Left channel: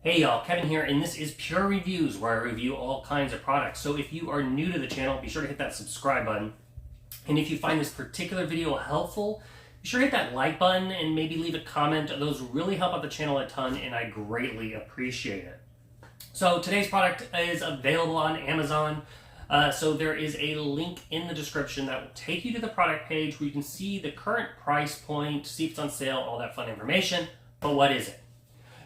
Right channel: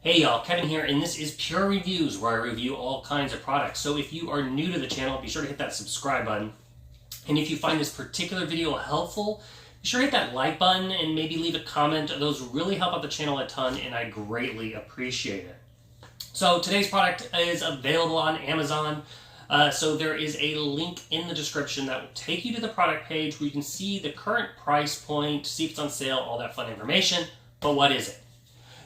Hey y'all, Kevin here, and this is Purereviews, where I review all kinds of products. So if you are new to the channel, be sure to hit that subscribe button. And if you find this particular video helpful, be sure to hit that like button and maybe leave a comment. Those really help out the channel a ton, and I greatly appreciate it. So today's product is available on Amazon. So there is a link in the description that will take you to the product page where you can see the current price point, see if it's on sale, all that fun information. But what is it?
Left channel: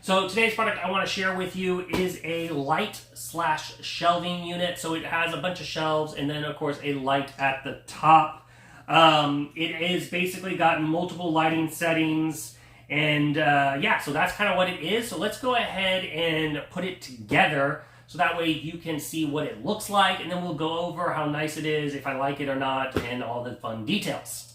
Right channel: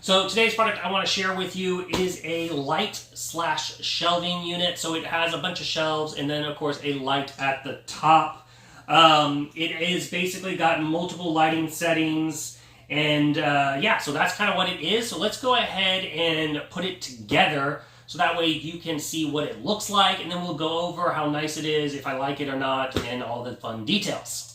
So today's product I want to share with you is a light/shelving unit. So it has a bunch of shelves and then of course a light at the top. It is basically got multiple lighting settings, and yeah, so that's kind of what it is. So let's go ahead and put it together so that way you can see what it looks like, and then we'll go over how nice it is, if I like it or not, and all the fun details.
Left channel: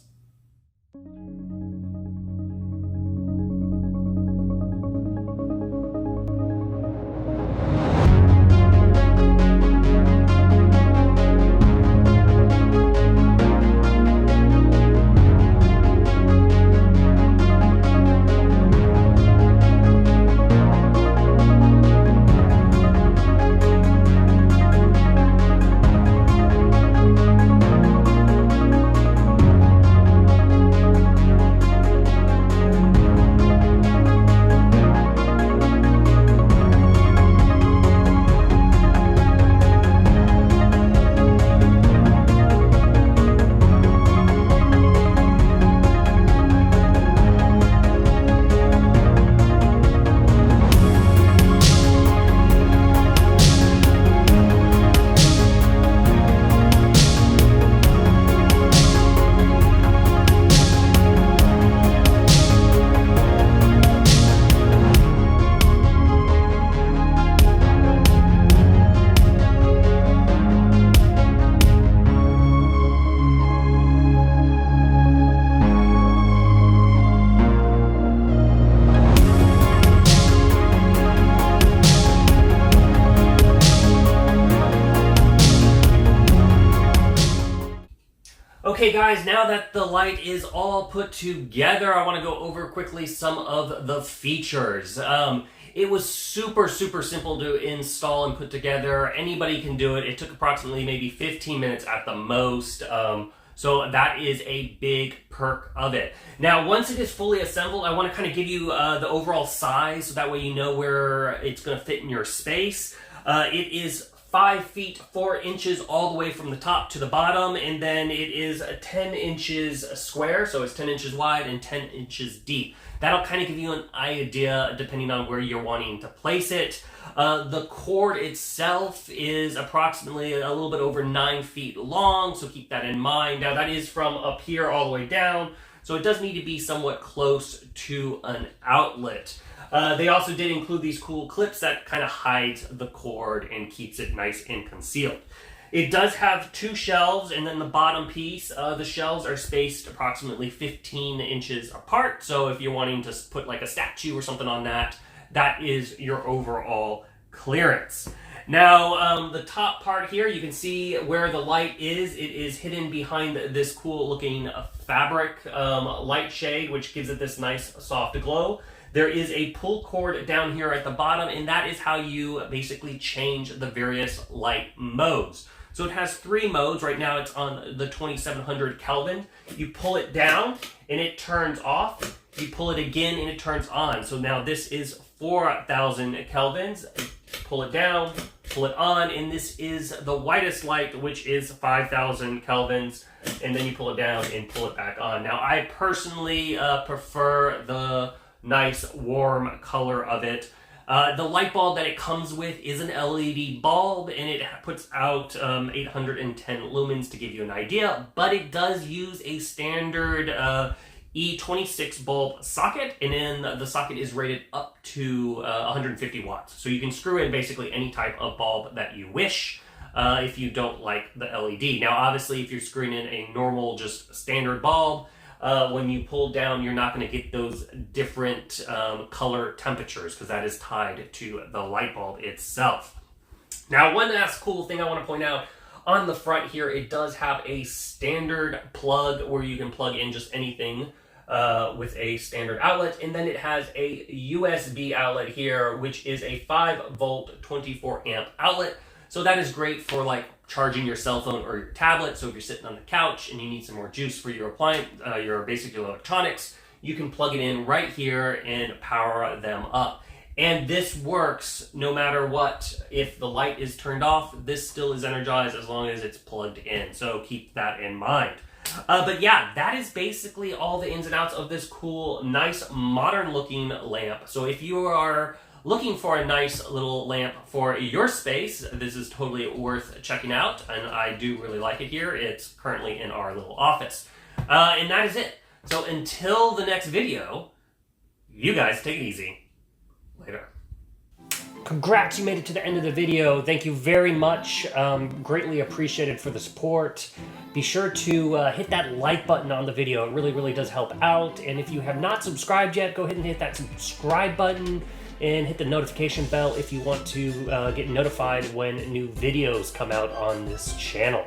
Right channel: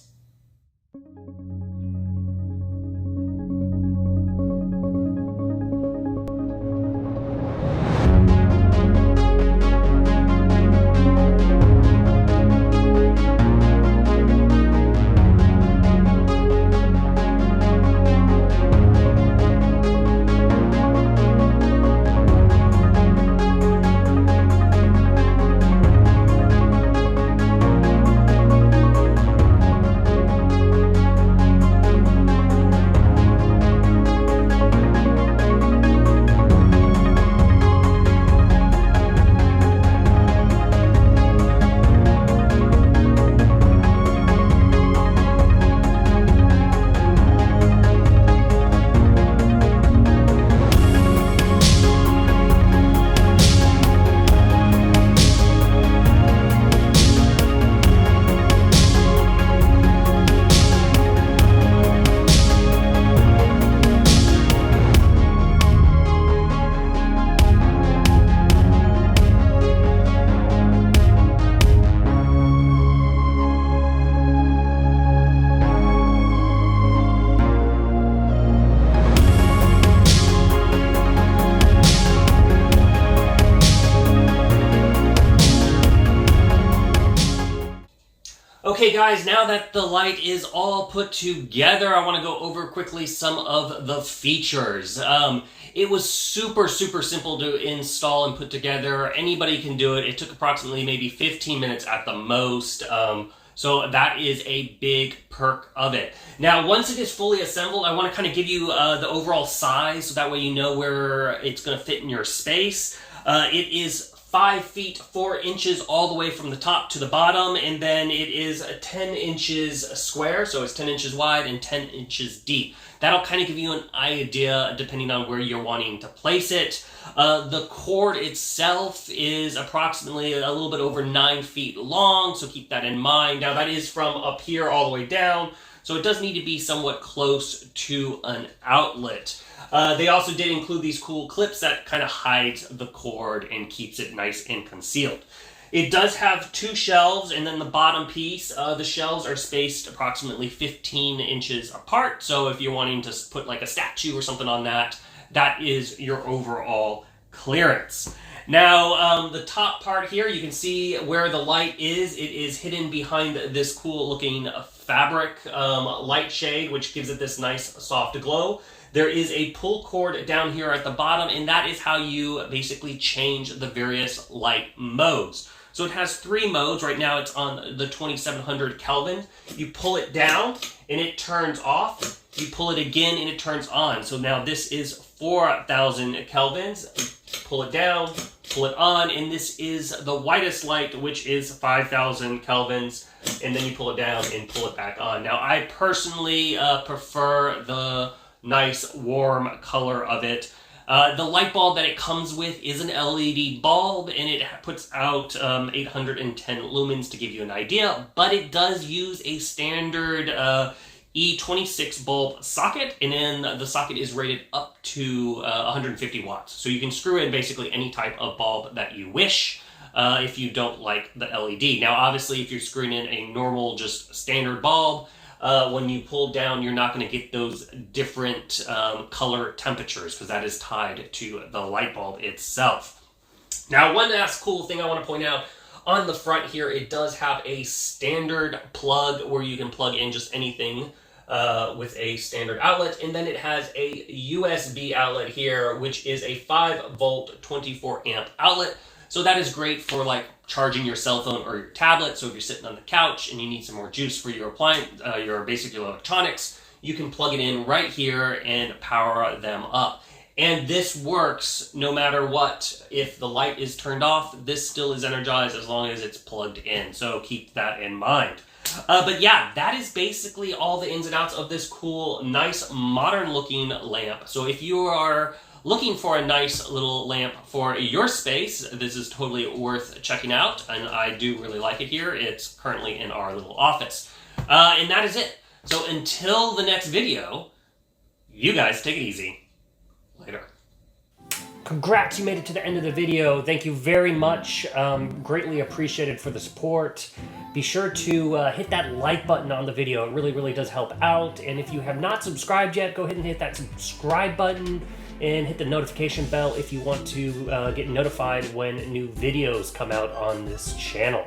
Okay guys, now that the light is all put together, I want to go over quickly some of the features. It was super simple to install and put together. Anybody can do it. It took approximately maybe 15 minutes at the most. So that is a big perk of it. Now, once it is fully assembled, I want to kind of give you the overall size so that way you know where it's going to fit in your space. It is 5 feet 4 inches all the way from the top to the bottom, and then it is 10 inches square, so it's 10 inches wide and 10 inches deep. That'll kind of give you an idea depending on where you're wanting to place it. The cord itself is approximately a little bit over 9 feet long, so keep that in mind. Now that is from up here all the way down, so it does need to be somewhat close to an outlet. They also did include these cool clips that kind of hides the cord and keeps it nice and concealed. It does have 2 shelves, and then the bottom piece, the shelves are spaced approximately 15 inches apart. So if you're wanting to put like a statue or something on that, that is your overall clearance. Now, the top part here, you can see where the light is. It is hidden behind this cool looking fabric light shade, which gives it this nice soft glow. There is a pull cord down here at the bottom, and that is how you basically change the various light modes. So it has 3 modes. Right now it's on the 2700 Kelvin. You pull it down and it turns off. You pull it again and it turns on. So now this is 4000 Kelvins. Pull it down, pull it on, and this is the whitest light, which is 5000 Kelvins. And then you pull it down and pull it back on. Now I personally prefer the nice warm color of it. The light bulb that it comes with is an LED bulb, and it puts out 810 lumens to give you an idea, but it does use a standard E26 bulb socket, and then the socket is rated up to 150 watts. So you can screw in basically any type of bulb that you wish if you don't like the LED. Now obviously if you're screwing in a normal just standard bulb, when you pull down, you're not going to get those different color temperatures because that is tied to the light bulb itself. Now, one last cool thing I want to point out, on the front here, it does have a standard plug where you can plug in just anything with a standard outlet, and then it has a USB outlet here, which is a 5-volt 24-amp outlet. So that is great for like charging your cell phone or your tablet. So if you're sitting on the couch and you need some more juice for your appliance, your basic electronics, you can plug it in right here and power them up. And this works no matter what. If the light is turned off, this still is energized as long as it's plugged in. So keep that in mind. But yeah, that is basically all the ins and outs of this cool, nice, modern looking lamp. So if you are looking for a nice little lamp for your space, this is totally worth checking out. And I do really like it here. It's currently in our little office. And that is it. So until the next video, you guys take it easy. Later. Congrats, you made it to the end of the video. Thank you very much. Greatly appreciated for the support. Be sure to hit that like button on the video. It really, really does help out. And if you have not subscribed yet, go ahead and hit that subscribe button and hit the notification bell if you want to get notified when new videos come out on this channel.